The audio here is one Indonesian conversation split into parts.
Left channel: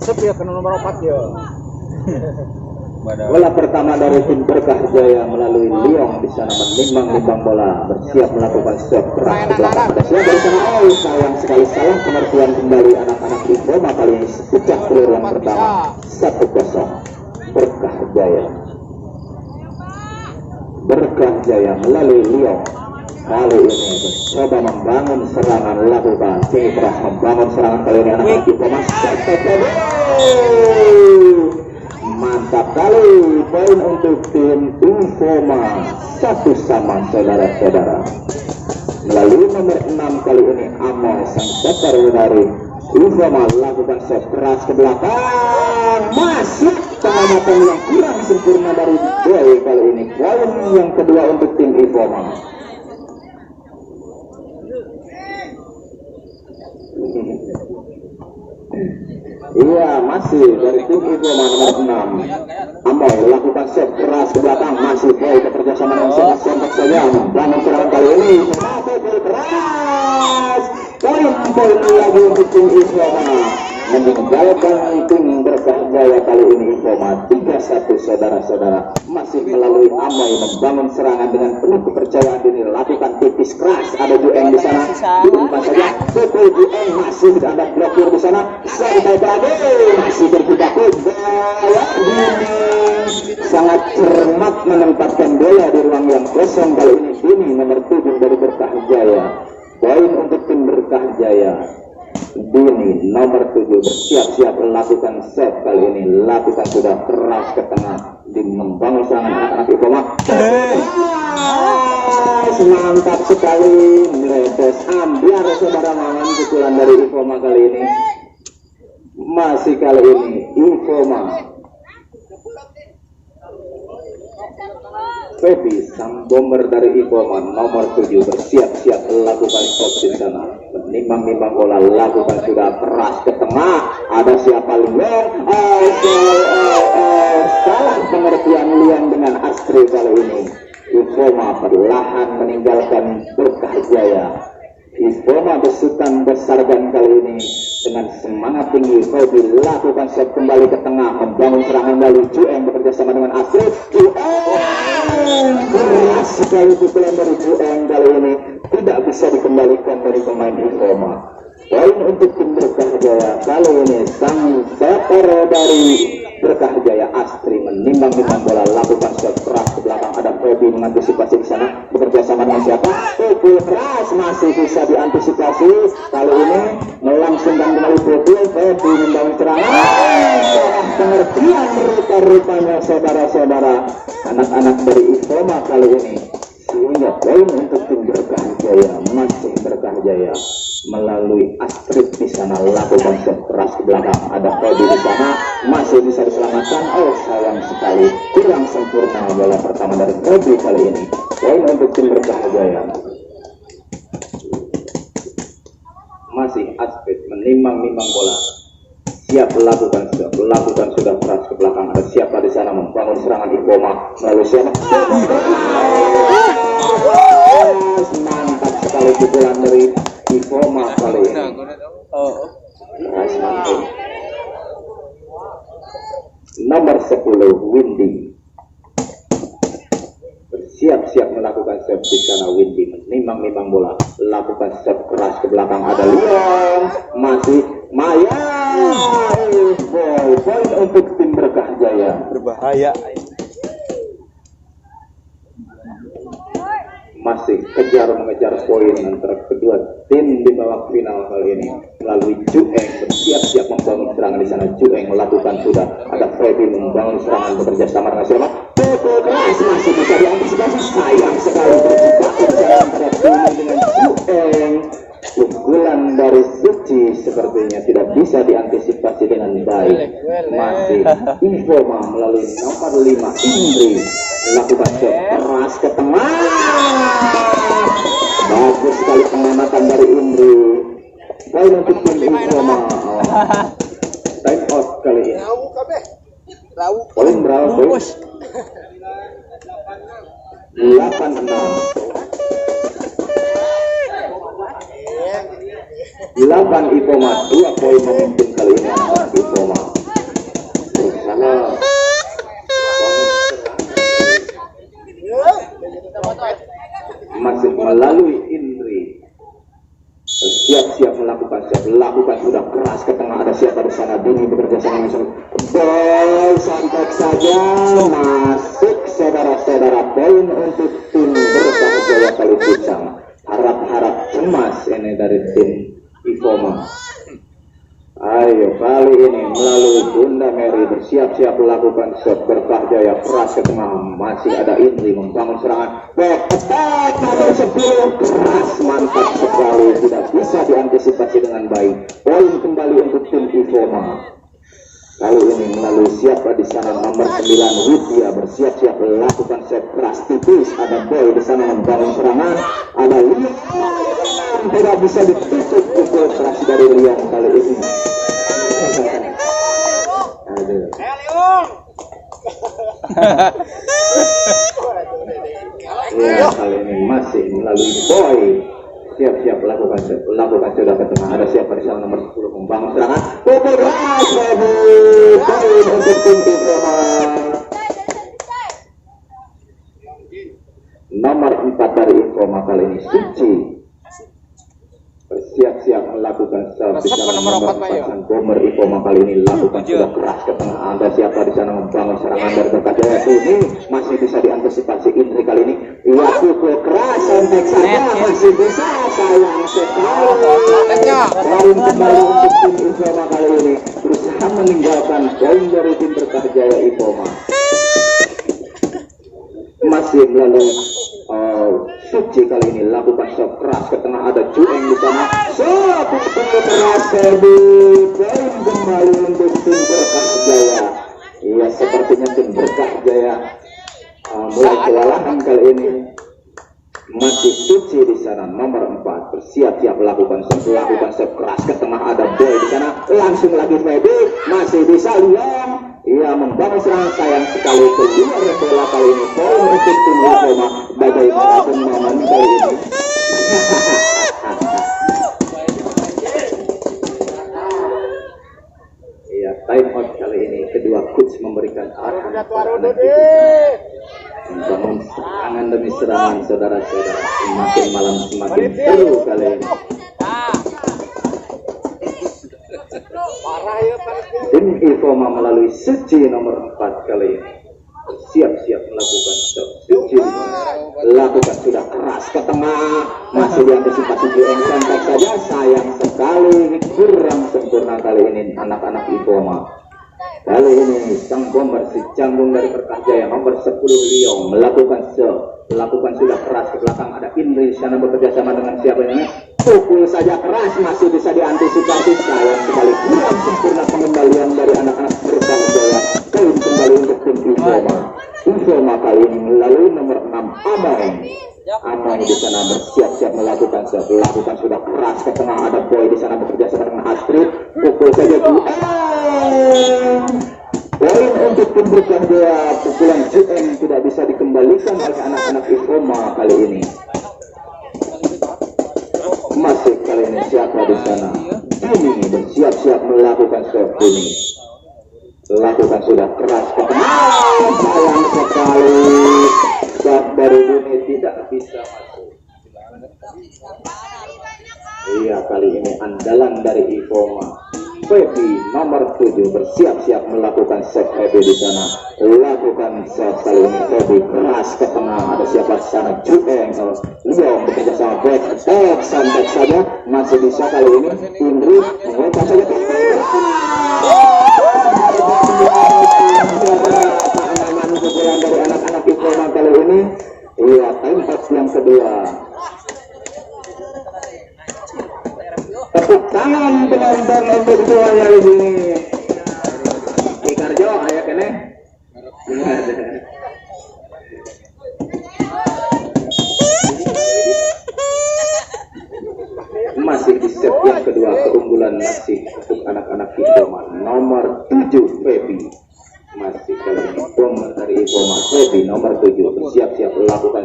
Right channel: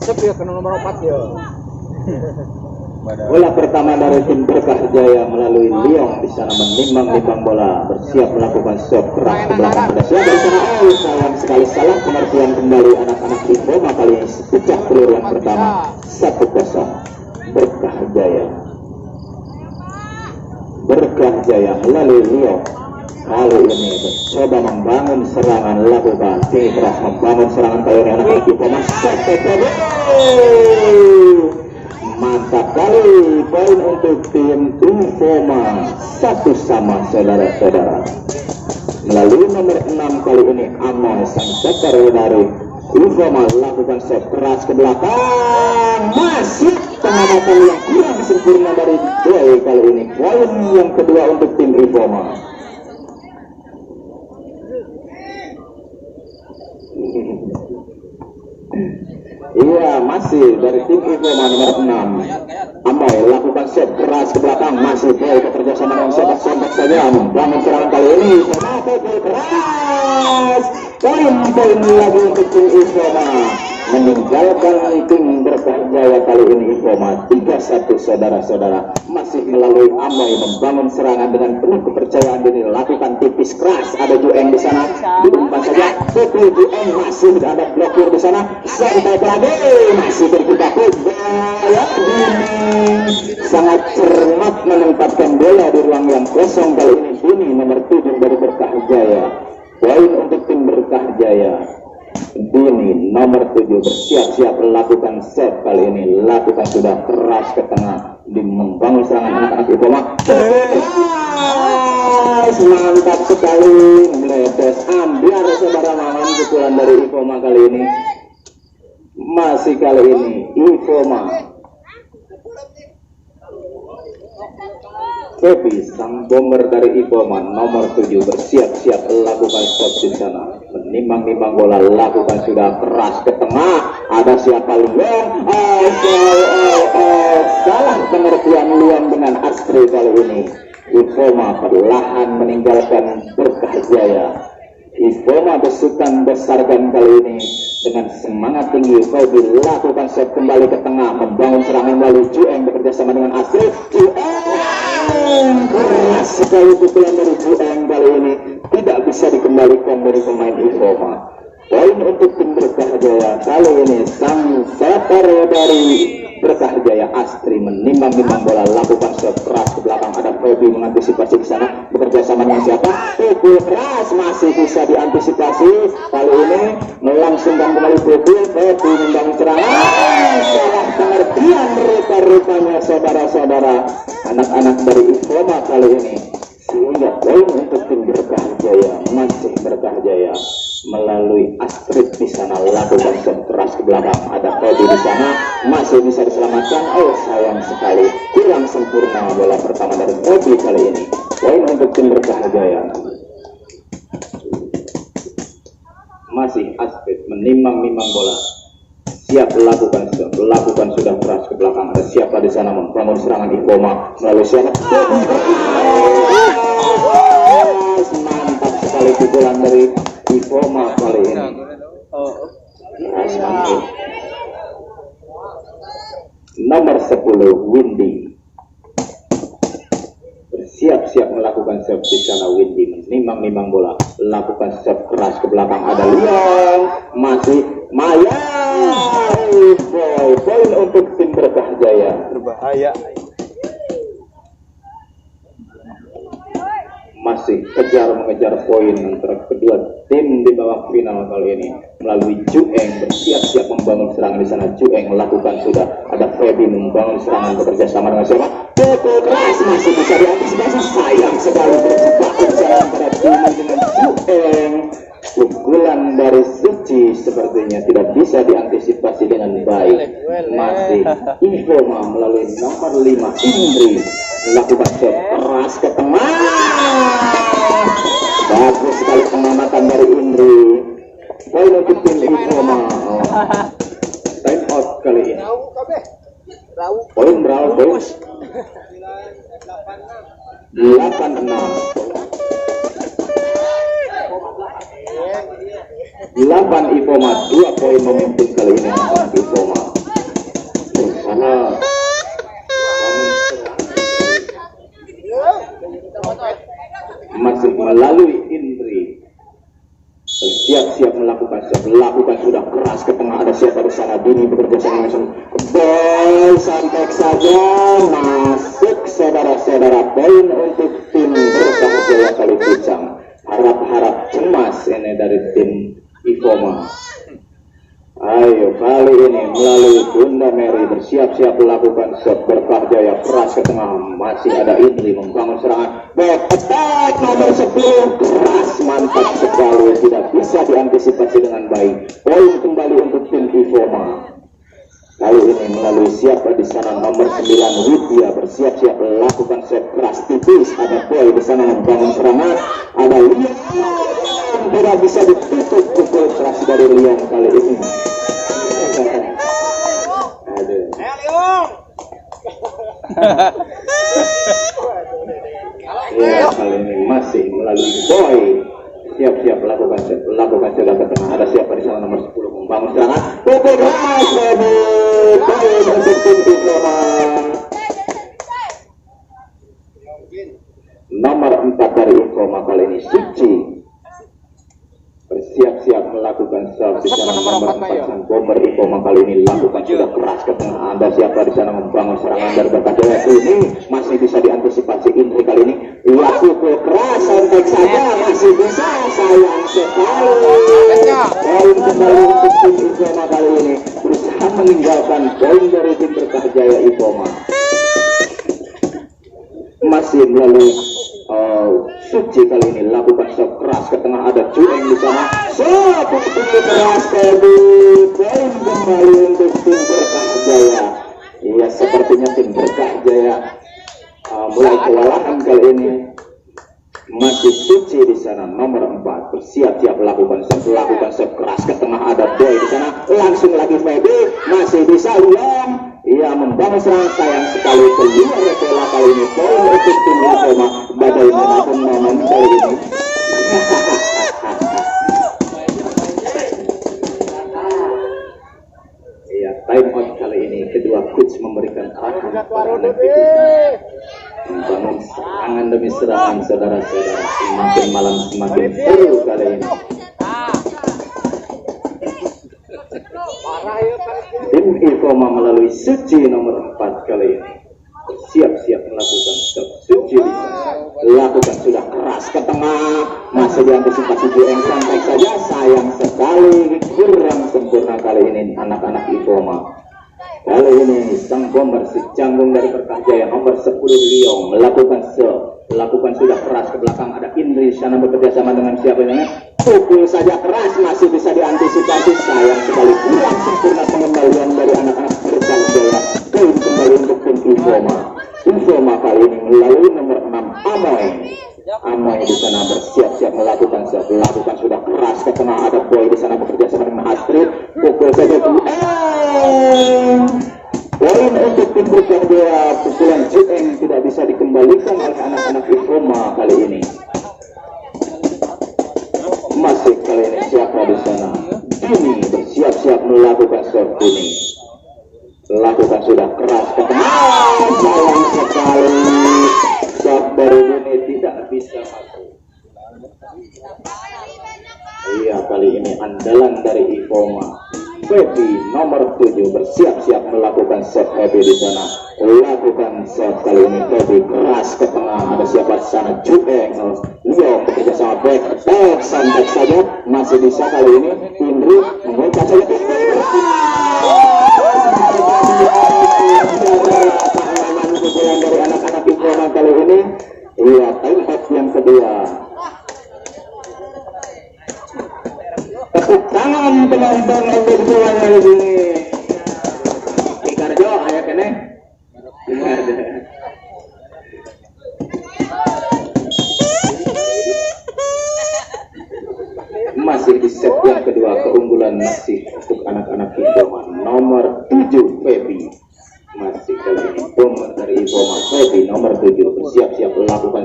Sep ya kena nomor 4 ya. Bola pertama dari tim Berkah Jaya melalui Liong di sana menimbang bola, bersiap melakukan shot keras ke belakang. Ada siap dari sana, sayang sekali salah pengertian kembali anak-anak Ifoma kali ini sejak peluru yang pertama 1-0 Berkah Jaya. Berkah Jaya melalui Liong kali ini mencoba membangun serangan, lakukan keras membangun serangan kali ini anak-anak Ifoma. Mantap kali poin untuk tim Infoma 1-1 saudara-saudara. Melalui nomor 6 kali ini Amel sang setter dari Infoma lakukan set keras ke belakang, masih pengamatan yang kurang sempurna dari Boy kali ini. Poin yang kedua untuk tim Infoma. Iya, masih dari tim Infoma nomor 6. Amel lakukan set keras ke belakang, masih Boy bekerja sama dengan sontak saja membangun serangan kali ini. Keras poin lagi untuk tim Infoma meninggalkan tim Berkah Jaya kali ini. Infoma 3-1 saudara-saudara. Masih melalui Amel membangun serangan dengan penuh kepercayaan diri, lakukan tipis keras, ada Jueng di sana, diumpan saja pukul Jueng, masih ada blokir di sana, sampai berada masih berjibaku bola sangat cermat menempatkan bola di ruang yang kosong kali ini nomor 7 dari Berkah Jaya. Poin untuk tim Berkah Jaya. Dini nomor 7 bersiap-siap melakukan set kali ini, lakukan sudah keras ke tengah di membangun serangan anak-anak Infoma. Mantap sekali, meledes ambiar saudara main pukulan dari Infoma kali ini. Masih kali ini Infoma Febi sang bomber dari Infoma nomor 7 bersiap-siap melakukan shot di sana, menimbang bola, lakukan sudah keras ke tengah, ada siapa Lian, salah pengertian Lian dengan Astri kali ini. Infoma perlahan meninggalkan Berkah Jaya. Infoma besutan besarkan kali ini dengan semangat tinggi. Febi lakukan shot kembali ke tengah, membangun serangan kembali. Jueng bekerja sama dengan Astri. Keras sekali pukulan dari Jueng kali ini, tidak bisa dikembalikan dari pemain Infoma. Poin untuk tim Berkah Jaya kali ini sang setter dari Berkah Jaya Astri menimbang bola, lakukan shot keras ke belakang, ada Febi mengantisipasi di sana, bekerja sama dengan siapa? Pukul keras masih bisa diantisipasi kali ini, langsung dan kembali Febi membangun serangan. Pengertian rupa-rupanya saudara-saudara anak-anak dari Infoma kali ini, sehingga poin untuk tim Berkah Jaya masih Berkah Jaya melalui Astrid di sana, lakukan shot keras ke belakang, ada Febi di sana, masih bisa diselamatkan. Sayang sekali kurang sempurna bola pertama dari Febi kali ini. Poin untuk tim Berkah Jaya. Masih Astrid menimbang bola, siap melakukan sudah keras ke belakang, ada siapa di sana membangun serangan Infoma melalui sana. Mantap sekali pukulan dari Infoma kali ini. Nomor 10 Windy bersiap-siap melakukan serve di sana. Windy menimbang bola, lakukan serve keras ke belakang, ada Lian, masih Maya. Poin untuk tim Berkah Jaya. Berbahaya. Masih mengejar poin antara kedua tim di babak final kali ini melalui Jueng bersiap-siap membangun serangan di sana. Jueng melakukan sudah, ada Febi membangun serangan bekerja sama dengan siapa? Keras masih bisa diantisipasi, sayang sekali berjibaku dengan Jueng. Pukulan dari Suci sepertinya tidak bisa diantisipasi dengan baik. Masih Infoma melalui nomor 5 Indri melakukan shot keras ke tengah. Bagus sekali pengamatan dari Indri. Poin untuk tim Infoma. Time out kali ini. Poin berapa? 8 Infoma, 2 poin memimpin kali ini Infoma. Dini bekerja sama langsung boy santai saja masuk saudara-saudara poin untuk tim Berkah Jaya kali Pucang. Harap-harap cemas ini dari tim Ivoma. Ayo kali ini melalui Bunda Mary bersiap-siap melakukan shot. Berkah Jaya keras ke tengah, masih ada Indri membangun serangan back attack nomor 10 keras, mantap sekali, tidak bisa diantisipasi dengan baik. Poin kembali untuk tim Ivoma. Kali ini melalui siapa di sana nomor 9 Widya bersiap-siap melakukan set keras tipis. Ada boy di sana membangun serangan, ada Lian tidak bisa ditutup pukul keras dari Lian kali ini. Aduh. Ya kali ini masih melalui boy siap-siap melakukan sudah ke tengah. Ada siapa di sana nomor 10 membangun serangan pukul keras dari poin untuk tim Ivoma. Nomor 4 dari Ivoma kali ini Suci bersiap-siap melakukan serve di sana nomor 4 sang bomber Ivoma kali ini lakukan sudah keras ke tengah. Ada siapa di sana membangun serangan dari Berkah Jaya ini masih bisa diantisipasi Indri kali ini. Ia pukul keras sampai saja masih bisa sayang sekali. Poin kembali untuk tim Ivoma kali ini berusaha meninggalkan poin dari tim Berkah Jaya Ivoma. Masih melalui Suci kali ini lakukan shot keras ke tengah, ada Jueng di sana. Shot keras tadi, poin kembali untuk tim Berkah Jaya. Iya, sepertinya tim Berkah Jaya mulai kewalahan kali ini. Masih Suci di sana nomor 4 bersiap-siap melakukan shot keras ke tengah, ada Boy di sana. Langsung lagi Feby, masih bisa Liam. Ia membangun serangan, sayang sekali kelima bola kali ini. Poin untuk tim Ivoma. Bagaimana pemain kali ini? Iya, time out kali ini. Kedua coach memberikan arahan kepada anak itu. Membangun serangan demi serangan, saudara-saudara. Semakin malam semakin seru kali ini. Tim Ivoma melalui Suci nomor 4 kali ini siap-siap melakukan stop. Suci lakukan sudah keras ke tengah, masih diantisipasi Jueng sampai saja, sayang sekali kurang sempurna kali ini anak-anak Ivoma. Kali ini sang bomber si canggung dari Berkah Jaya nomor 10 Liong melakukan sudah keras ke belakang, ada Indri sana bekerja sama dengan siapa ini. Pukul saja keras, masih bisa diantisipasi, sayang sekali kurang sempurna pengendalian dari anak-anak Berkah Jaya. Poin kembali untuk tim Ivoma. Ivoma kali ini melalui nomor 6 Amai di sana bersiap-siap melakukan sudah keras ke tengah, ada Boy di sana bekerja sama dengan Astrid. Pukul saja poin untuk tim Berkah Jaya. Pukulan Jueng tidak bisa dikembalikan oleh anak-anak Ivoma kali ini. Masih kali ini siapa di sana? Dini bersiap-siap melakukan serve ini. Lakukan sudah keras ke tengah. Sayang sekali serve dari Dini tidak bisa masuk. Iya, kali ini andalan dari Ivoma. Feby nomor 7 bersiap-siap melakukan set Feby di sana. Lakukan set kali ini Feby keras ke tengah. Ada siapa di sana? Jueng. Liong bekerja sama back attack, santai saja, masih bisa kali ini. Indri mengejar saja pukulan dari anak-anak Ivoma kali ini. Iya, tempat yang kedua. Tepuk tangan penonton nomor 2 kali ini. Ikarjo, ayo kene. Masih di set yang kedua, keunggulan masih untuk anak-anak Ivoma. Nomor 7 Feby. Masih kali ini bomber dari Ivoma. Feby nomor 7 bersiap-siap melakukan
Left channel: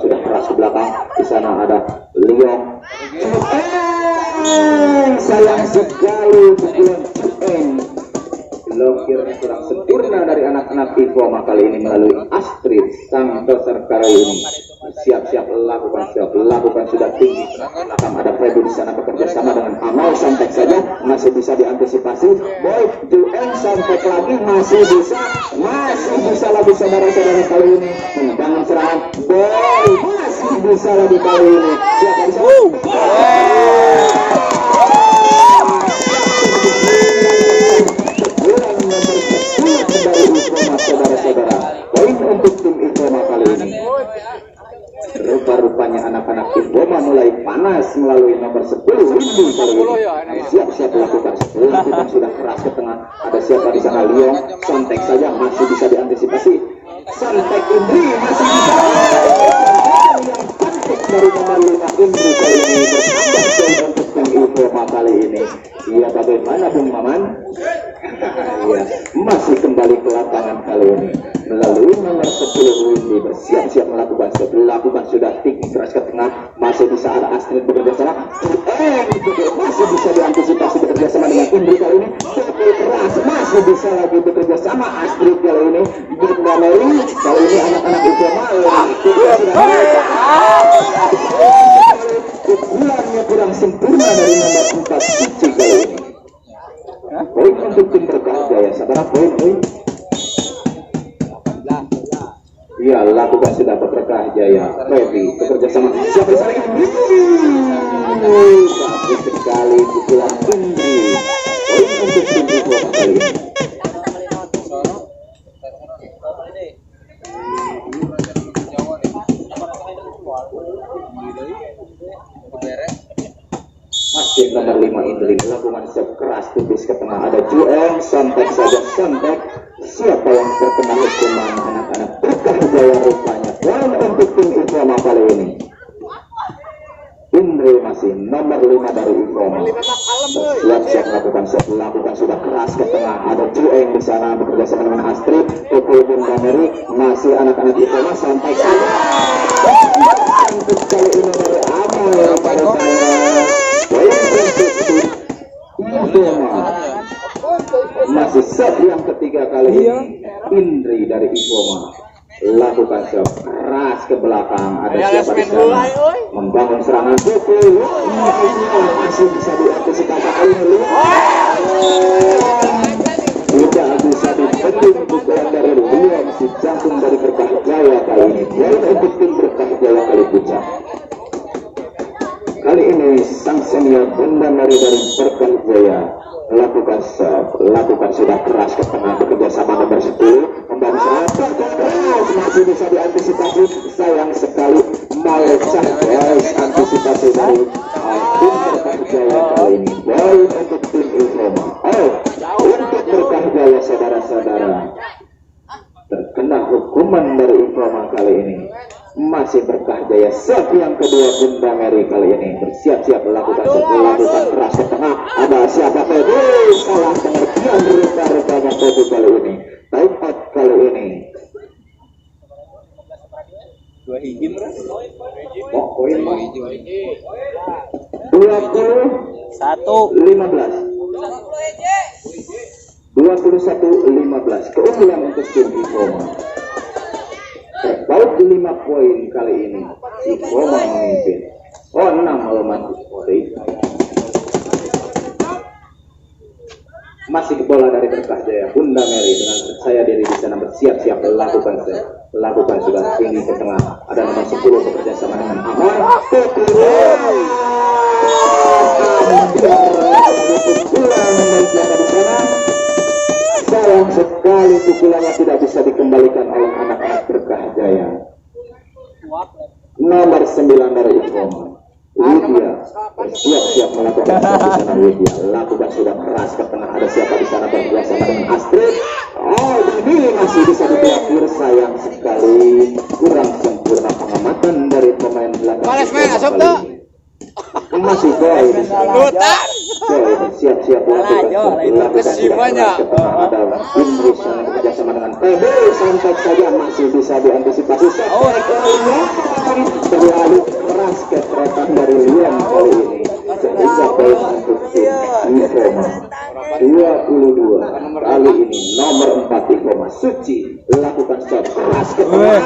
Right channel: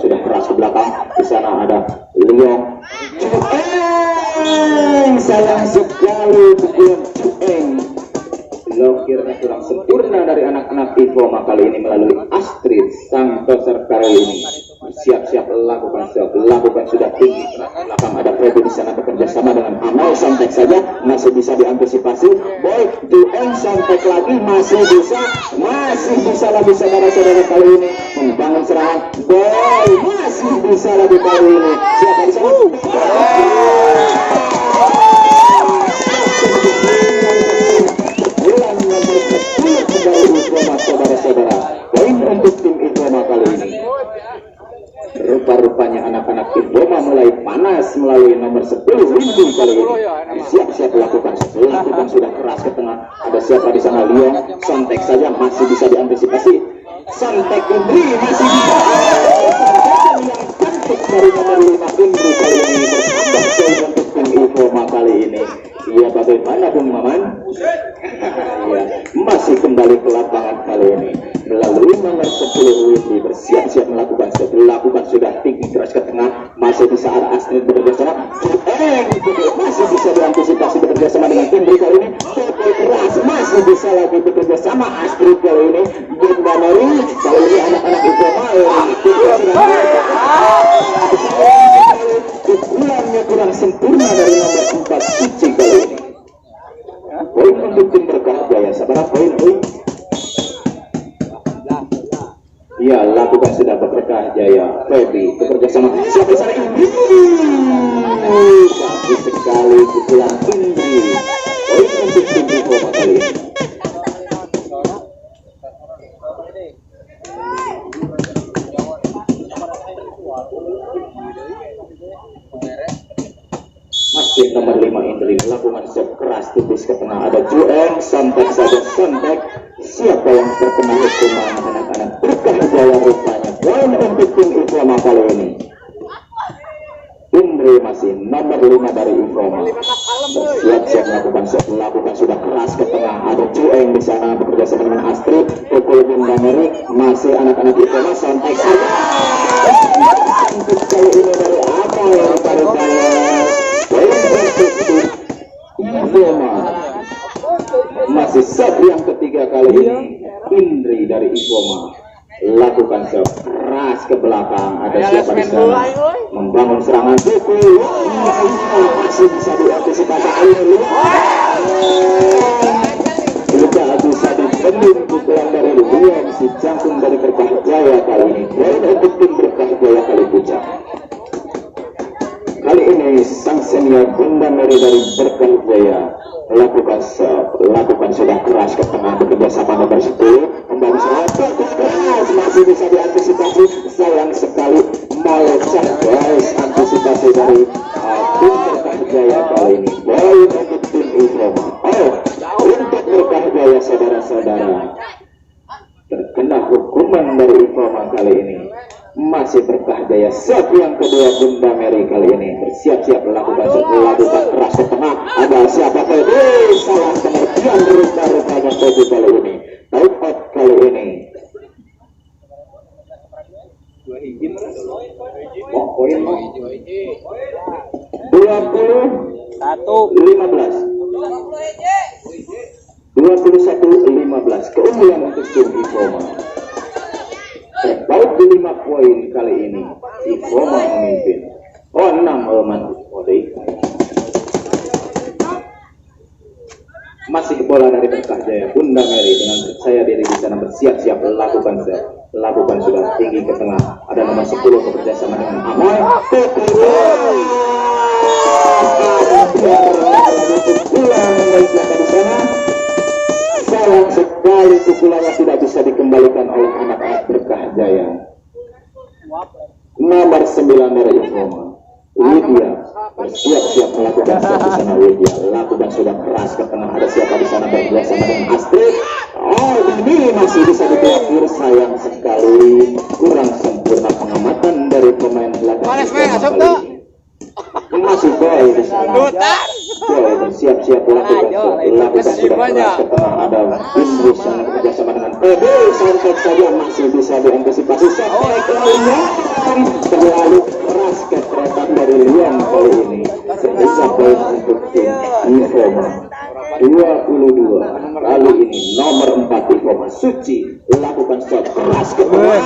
sudah keras ke belakang. Di sana ada Lion. Sayang sekali pukulan Jueng. Blokirnya kurang sempurna dari anak-anak Ivoma kali ini melalui Astrid sang besar kali ini. bersiap-siap lakukan sudah tinggi. Akan ada Feby di sana bekerja sama dengan Amal, santai saja, masih bisa diantisipasi. Baik, Jueng santai lagi, masih bisa lagi saudara-saudara kali ini membangun serangan. Baik, masih bisa lagi kali ini. Siapa di sana? Saudara-saudara, poin untuk tim Infoma kali ini. Rupa-rupanya anak-anak Infoma mulai panas melalui nomor 10 Windy kali ini. Siap-siap lakukan sudah keras ke tengah. Ada siapa di sana? Leon, Santek saja masih bisa diantisipasi. Santek Indri masih bisa. Dari nomor 5 Indri kali ini bertambah untuk tim Infoma kali ini. Iya, bagaimana Bung Maman? Ya, masih kembali ke lapangan kali ini melalui nomor 10 Windy bersiap-siap melakukan sudah tinggi keras ke tengah, masih bisa Astrid bekerja sama, masih bisa diantisipasi bekerja sama dengan Indri kali ini, tapi keras masih bisa lagi bekerja sama Astrid kali ini. Bunda Mary kali ini anak-anak itu kebulannya kurang sempurna dari nomor 4 Suci kali ini. Poin untuk tim Berkah Jaya, saudara, poin. Ya, lakukan sudah Berkah Jaya. Feby bekerja sama siapa sana ini? Bagus sekali pukulan Indri. Poin untuk tim Infoma kali ini. Masih nomor 5 Indri melakukan set keras tipis ke tengah. Ada Jueng, santai saja santai. Siapa yang terkena hukuman anak-anak Berkah Jaya rupanya. Poin untuk tim Infoma kali ini. Indri masih nomor 5 dari Infoma. Siap-siap melakukan sudah keras ke tengah. Ada Jueng di sana bekerja sama dengan Astrid. Bunda Mary masih anak-anak Infoma santai saja. Untuk kali ini dari Amal masih set yang ketiga kali ini. Indri dari Infoma lakukan set keras ke belakang. Ada siapa di sana membangun serangan Tuku, masih bisa diantisipasi oleh tidak bisa dibendung pukulan dari Leon, si jantung dari Berkah Jaya kali ini. Untuk tim Berkah Jaya kali puncak. Kali ini sang senior Bunda Mary dari Berkah Jaya lakukan sudah keras ke tengah bekerja sama nomor 10 kembali serang keras masih bisa diantisipasi. Sayang sekali melecah garis antisipasi dari tim Berkah Jaya kali ini. Poin untuk tim Infoma. Untuk Berkah Jaya saudara-saudara terkena hukuman dari Infoma kali ini. Masih Berkah Jaya set yang kedua. Bunda Mary kali ini bersiap-siap melakukan keras ke tengah. Ada siapa tadi? Salah pengertian rupa-rupanya tadi kali ini. Tempat kali ini 2 hijin poin 21-15 keunggulan untuk tim Infoma. Terbaik di 5 poin kali ini. Infoma memimpin. 6 Oman. Masih bola dari Berkah Jaya. Bunda Mary dengan percaya diri di sana bersiap-siap lakukan sudah tinggi ke tengah. Ada nomor 10 bekerja sama dengan Amal. Sayang sekali pukulannya tidak bisa dikembalikan oleh anak-anak Berkah Jaya. Nomor 9 dari Infoma. Widya bersiap-siap melakukan di sana. Widya lakukan sudah keras ke tengah. Ada siapa di sana bekerja sama dengan Astrid. Dan ini masih bisa diblokir. Sayang sekali kurang sempurna pengamatan dari pemain belakang kali ini. Masih baik di sana. Bersiap-siap melakukan sudah ke tengah. Ada Inggris yang bekerja sama dengan PB. Santai saja masih bisa diantisipasi. Sampai kali ini terlalu keras keteratan dari Leon kali ini. Sehingga poin untuk tim Infoma 22. Kali ini nomor 4 Infoma Suci lakukan shot keras ke tengah.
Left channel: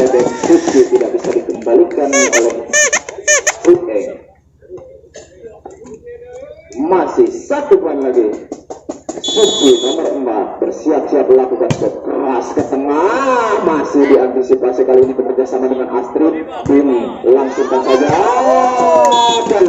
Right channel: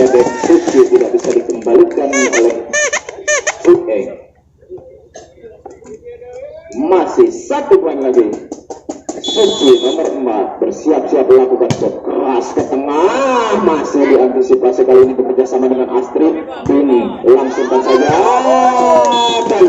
menyedek Suci tidak bisa dikembalikan oleh Ueng. Masih satu poin lagi. Suci nomor 4 bersiap-siap melakukan shot keras ke tengah, masih diantisipasi kali ini bekerja sama dengan Astrid. Ini langsung saja dan